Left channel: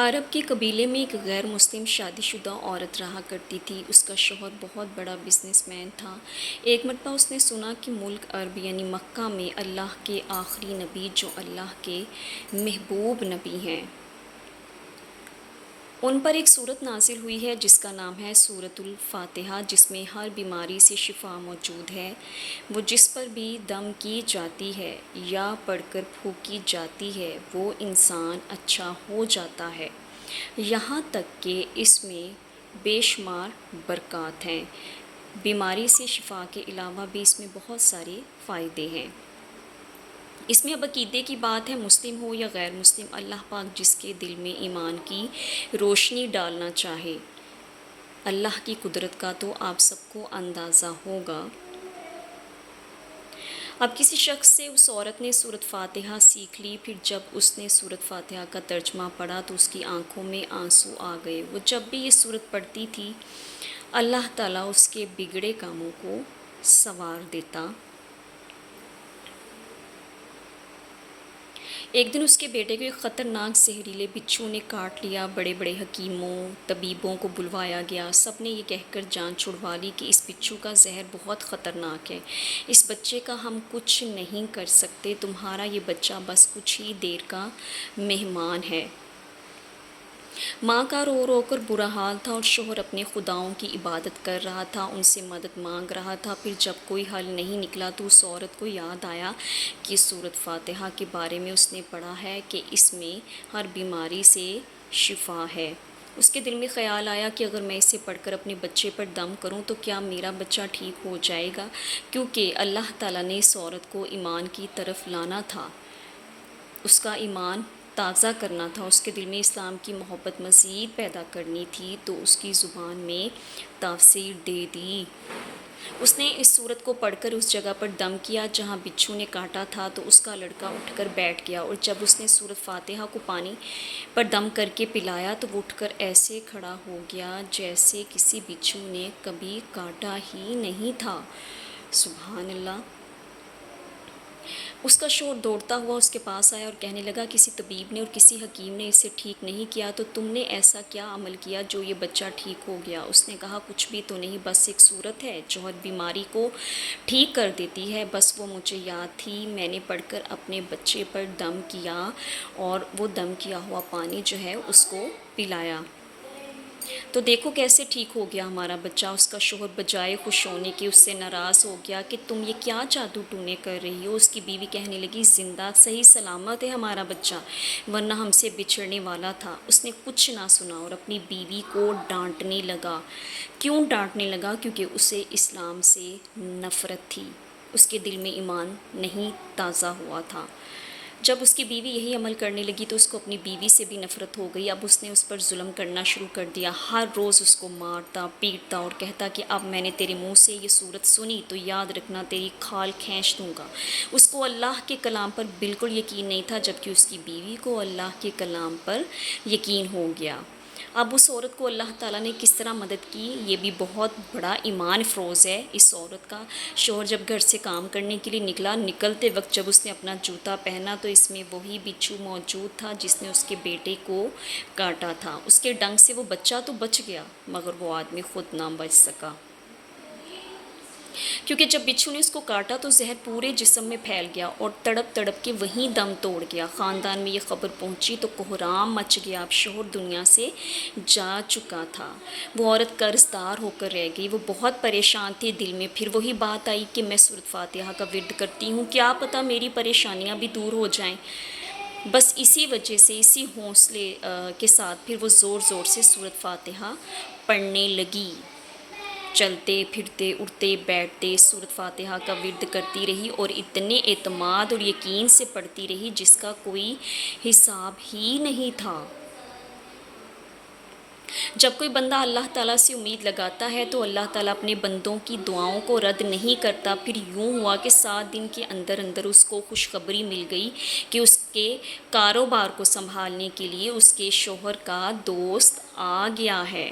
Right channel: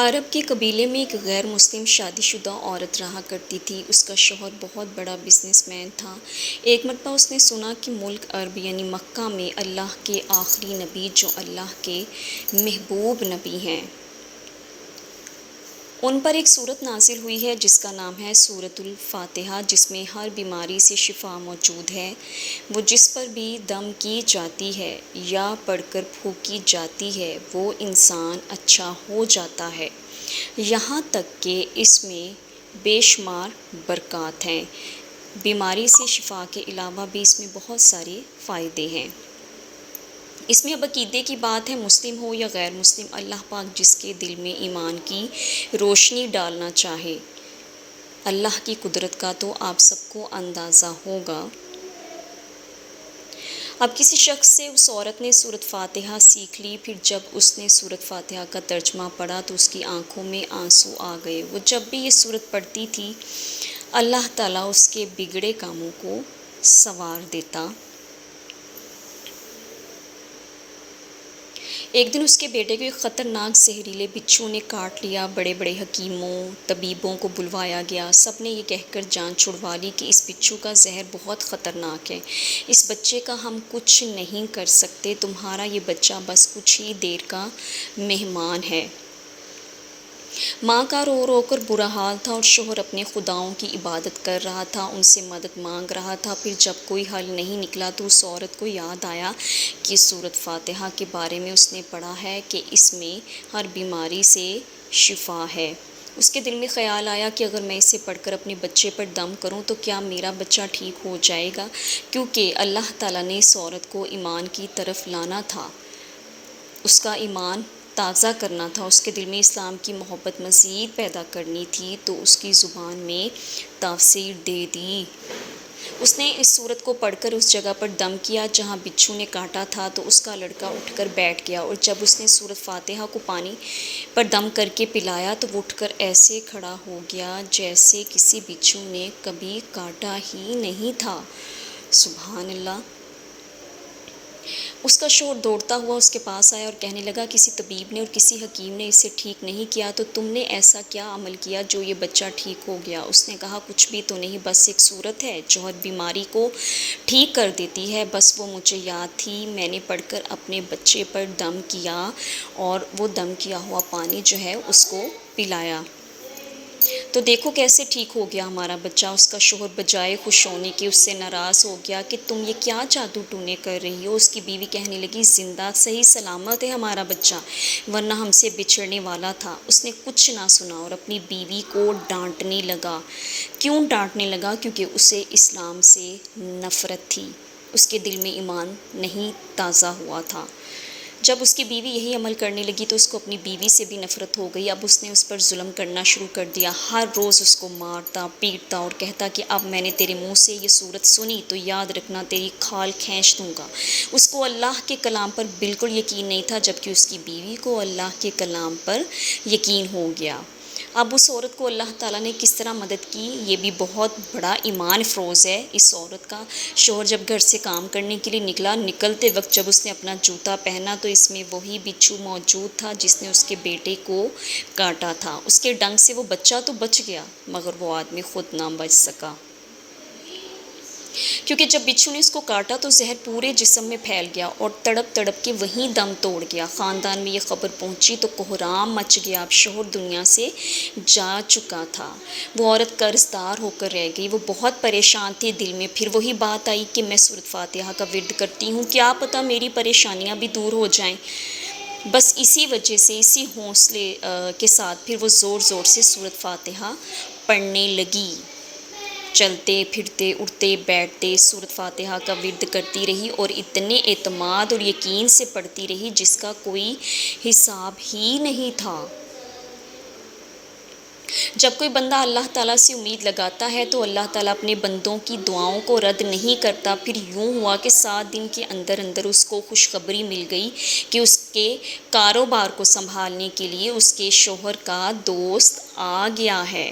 عرب کے قبیلے میں ایک غیر مسلم شادی شدہ عورت رہا کرتی تھی۔ اس کا شوہر بہت بڑا بزنس مین تھا۔ ایک مرتبہ اس نے سنا کہ ملک عرب یعنی مکہ میں اللہ کے آخری نبی جو اللہ کے محبوب نبی ہیں، ان پر ایک سورت نازل ہوئی ہے جس کا نام ہے سورۃ الفاتحہ، جس میں ہر بیماری سے شفا موجود ہے۔ وہ جس پر بھی دم کی جاتی ہے یا پڑھ کر پھونکی جاتی ہے وہ انسان اچھا ہو جاتا ہے، یہاں تک کہ اس میں بے شمار برکات ہیں۔ بیماری سے شفا کے علاوہ بھی اس میں بہت سارے فائدے ہیں۔ اس میں اب عقیدے کی بات ہے، مسلم ہو یا غیر مسلم، اللہ پاک جس کے دل میں ایمان کی روشنی ڈالنا چاہے۔ اللہ کی قدرت کا تو آپ سب کو اندازہ ہوگا۔ اب کسی شخص سے اس عورت نے سورۃ فاتحہ سیکھ لی، پھر جب اس نے سورۃ فاتحہ کا ترجمہ پڑھا تو اس کی آنکھوں میں آنسو آ گئے۔ وہ جب بھی یہ سورت پڑھتی تھی اللہ تعالیٰ اس کے بگڑے کاموں کو سنوار دیتا۔ ایک دن اس کے بیٹے کو ایک خطرناک زہریلے بچھو نے کاٹ لیا۔ بڑے بڑے حکیموں طبیبوں کو بلوایا گیا، سب نے یہ کہہ کر جان چھڑوا لی کہ اس بچھو کا زہر بہت خطرناک ہے، اس بچے کا ہم کچھ نہیں کر سکتے، تمہارا یہ بچہ بس کچھ ہی دیر کا مہمان ہے۔ ماں کا رو رو کر برا حال تھا اور شوہر اپنے خداؤں کی عبادت کر رہا تھا، ان سے مدد مانگ رہا تھا۔ پھر جب کوئی حل نہیں نکلا تو اس عورت کو یاد آیا کہ سورۃ فاتحہ کے بارے میں اس نے پڑھا ہے کہ اس میں ہر بیماری سے شفا ہے۔ اس کے دل میں خیال آیا کہ اگر میں اسے پڑھ کر اپنے بچے پر دم کروں تو کیا میرا بچہ ٹھیک ہو جائے گا، کیونکہ اللہ تعالیٰ نے اس عورت کو ایمان کی طرف لانا تھا، اس کا ایمان تازہ کرنا تھا، اس کے دل میں اسلام کی محبت مزید پیدا کرنی تھی، تو اس کی زبان میں تاثیر دے دی۔ اس نے اس سورت کو پڑھ کر اس جگہ پر دم کیا جہاں بچھو نے کاٹا تھا، تو اس کا لڑکا اٹھ کر بیٹھ گیا، اور جب اس نے سورۃ فاتحہ کو پانی پر دم کر کے پلایا تو وہ اٹھ کر ایسے کھڑا ہو گیا جیسے کسی بچھو نے کبھی کاٹا ہی نہیں تھا۔ سبحان اللہ! اس کا شوہر دوڑتا ہوا اس کے پاس آیا اور کہنے لگا، کسی طبیب نے اور کسی حکیم نے اسے ٹھیک نہیں کیا، تو تم نے ایسا کیا عمل کیا جو یہ بچہ ٹھیک ہو گیا؟ اس نے کہا، کچھ بھی تو نہیں، بس ایک سورت ہے جو ہر بیماری کو ٹھیک کر دیتی ہے، بس وہ مجھے یاد تھی، میں نے پڑھ کر اپنے بچے پر دم کیا اور وہ دم کیا ہوا پانی جو ہے اس کو پلایا، تو دیکھو کیسے ٹھیک ہو گیا ہمارا بچہ۔ اس کا شوہر بجائے خوش ہونے کے اس سے ناراض ہو گیا کہ تم یہ کیا جادو ٹونے کر رہی ہو۔ اس کی بیوی کہنے لگی، زندہ صحیح سلامت ہے ہمارا بچہ، ورنہ ہم سے بچھڑنے والا تھا۔ اس نے کچھ نہ سنا اور اپنی بیوی کو ڈانٹنے لگا۔ کیوں ڈانٹنے لگا؟ کیونکہ اسے اسلام سے نفرت تھی، اس کے دل میں ایمان نہیں تازہ ہوا تھا۔ جب اس کی بیوی یہی عمل کرنے لگی تو اس کو اپنی بیوی سے بھی نفرت ہو گئی۔ اب اس نے اس پر ظلم کرنا شروع کر دیا، ہر روز اس کو مارتا پیٹتا اور کہتا کہ اب میں نے تیرے منہ سے یہ سورت سنی تو یاد رکھنا تیری کھال کھینچ دوں گا۔ اس کو اللہ کے کلام پر بالکل یقین نہیں تھا، جبکہ اس کی بیوی کو اللہ کے کلام پر یقین ہو گیا۔ اب اس عورت کو اللہ تعالیٰ نے کس طرح مدد کی، یہ بھی بہت بڑا ایمان افروز ہے اس عورت کا۔ شوہر جب گھر سے کام کرنے کے لیے نکلا، نکلتے وقت جب اس نے اپنا جوتا پہنا تو اس میں وہی بچھو موجود تھا جس نے اس کے بیٹے کو کاٹا تھا۔ اس کے ڈنگ سے وہ بچہ تو بچ گیا مگر وہ آدمی خود نہ بچ سکا، کیونکہ جب بچھو نے اس کو کاٹا تو زہر پورے جسم میں پھیل گیا اور تڑپ تڑپ کے وہیں دم توڑ گیا۔ خاندان میں یہ خبر پہنچی تو کوہرام مچ گیا، اب شوہر دنیا سے جا چکا تھا، وہ عورت قرض دار ہو کر رہ گئی، وہ بہت پریشان تھی دل میں۔ پھر وہی بات آئی کہ میں سورۃ فاتحہ کا ورد کرتی ہوں، کیا پتہ میری پریشانیاں بھی دور ہو جائیں۔ بس اسی وجہ سے، اسی حوصلے کے ساتھ پھر وہ زور زور سے سورۃ فاتحہ پڑھنے لگی۔ چلتے پھرتے اٹھتے بیٹھتے سورۃ فاتحہ کا ورد کرتی رہی اور اتنے اعتماد اور یقین سے پڑھتی رہی جس کا کوئی حساب ہی نہیں تھا۔ جب کوئی بندہ اللہ تعالیٰ سے امید لگاتا ہے تو اللہ تعالیٰ اپنے بندوں کی دعاؤں کو رد نہیں کرتا۔ پھر یوں ہوا کہ 7 دن کے اندر اندر اس کو خوشخبری مل گئی کہ اس کے کاروبار کو سنبھالنے کے لیے اس کے شوہر کا دوست آ گیا ہے۔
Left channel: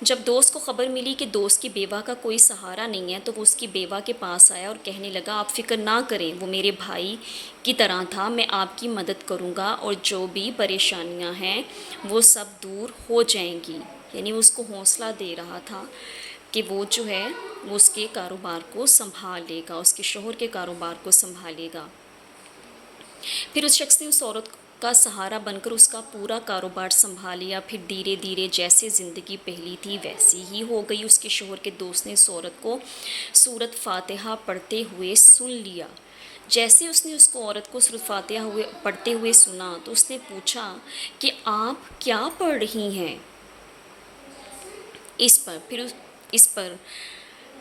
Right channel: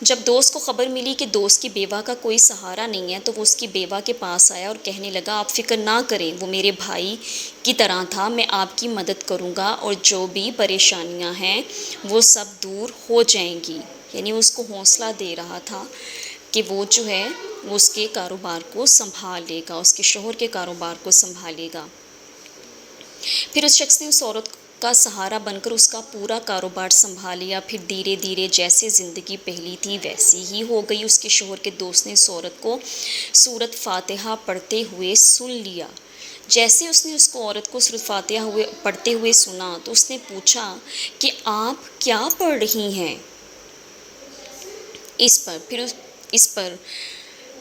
جب دوست کو خبر ملی کہ دوست کی بیوہ کا کوئی سہارا نہیں ہے تو وہ اس کی بیوہ کے پاس آیا اور کہنے لگا آپ فکر نہ کریں، وہ میرے بھائی کی طرح تھا، میں آپ کی مدد کروں گا اور جو بھی پریشانیاں ہیں وہ سب دور ہو جائیں گی۔ یعنی اس کو حوصلہ دے رہا تھا کہ وہ جو ہے وہ اس کے کاروبار کو سنبھال لے گا، اس کے شوہر کے کاروبار کو سنبھالے گا۔ پھر اس شخص نے اس عورت کا سہارا بن کر اس کا پورا کاروبار سنبھال لیا۔ پھر دھیرے دھیرے جیسے زندگی پہلی تھی ویسی ہی ہو گئی۔ اس کے شوہر کے دوست نے اس عورت کو سورۃ فاتحہ پڑھتے ہوئے سن لیا۔ جیسے اس نے عورت کو سورۃ فاتحہ پڑھتے ہوئے سنا تو اس نے پوچھا کہ آپ کیا پڑھ رہی ہیں؟ اس پر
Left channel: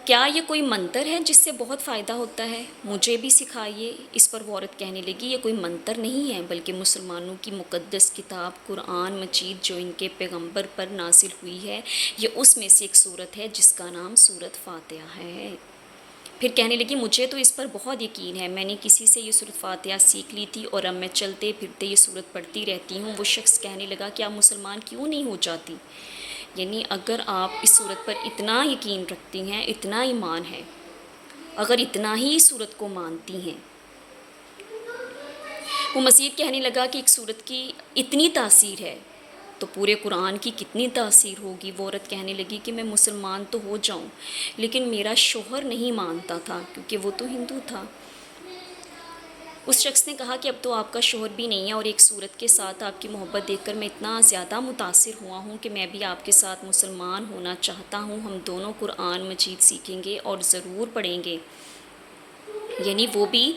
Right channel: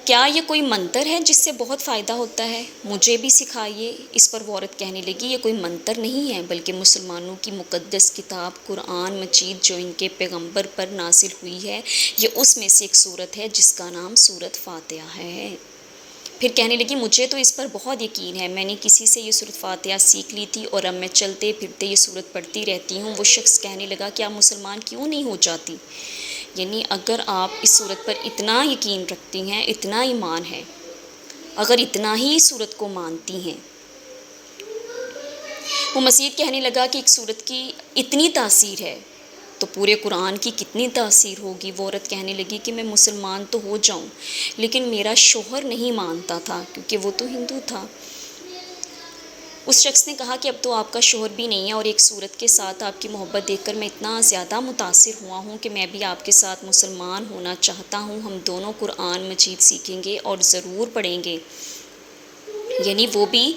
کیا یہ کوئی منتر ہے جس سے بہت فائدہ ہوتا ہے؟ مجھے بھی سکھائیے۔ اس پر وہ عورت کہنے لگی یہ کوئی منتر نہیں ہے بلکہ مسلمانوں کی مقدس کتاب قرآن مجید جو ان کے پیغمبر پر نازل ہوئی ہے، یہ اس میں سے ایک سورت ہے جس کا نام سورۃ فاتحہ ہے۔ پھر کہنے لگی مجھے تو اس پر بہت یقین ہے، میں نے کسی سے یہ سورۃ فاتحہ سیکھ لی تھی اور اب میں چلتے پھرتے یہ سورت پڑھتی رہتی ہوں۔ وہ شخص کہنے لگا کہ آپ مسلمان کیوں نہیں ہو جاتی؟ یعنی اگر آپ اس صورت پر اتنا یقین رکھتی ہیں، اتنا ایمان ہے، اگر اتنا ہی اس صورت کو مانتی ہیں۔ وہ مزید کہنے لگا کہ ایک صورت کی اتنی تاثیر ہے تو پورے قرآن کی کتنی تاثیر ہوگی۔ وہ عورت کہنے لگی کہ میں مسلمان تو ہو جاؤں لیکن میرا شوہر نہیں مانتا تھا کیونکہ وہ تو ہندو تھا۔ اس شخص نے کہا کہ اب تو آپ کا شوہر بھی نہیں ہے اور ایک صورت کے ساتھ آپ کی محبت دیکھ کر میں اتنا زیادہ متاثر ہوا ہوں کہ میں بھی آپ کے ساتھ مسلمان ہونا چاہتا ہوں، ہم دونوں قرآن مجید سیکھیں گے اور ضرور پڑھیں گے۔ یعنی وہ بھی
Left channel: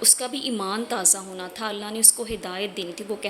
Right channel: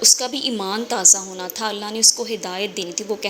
اس کا بھی ایمان تازہ ہونا تھا، اللہ نے اس کو ہدایت دینی تھی۔ وہ کہنے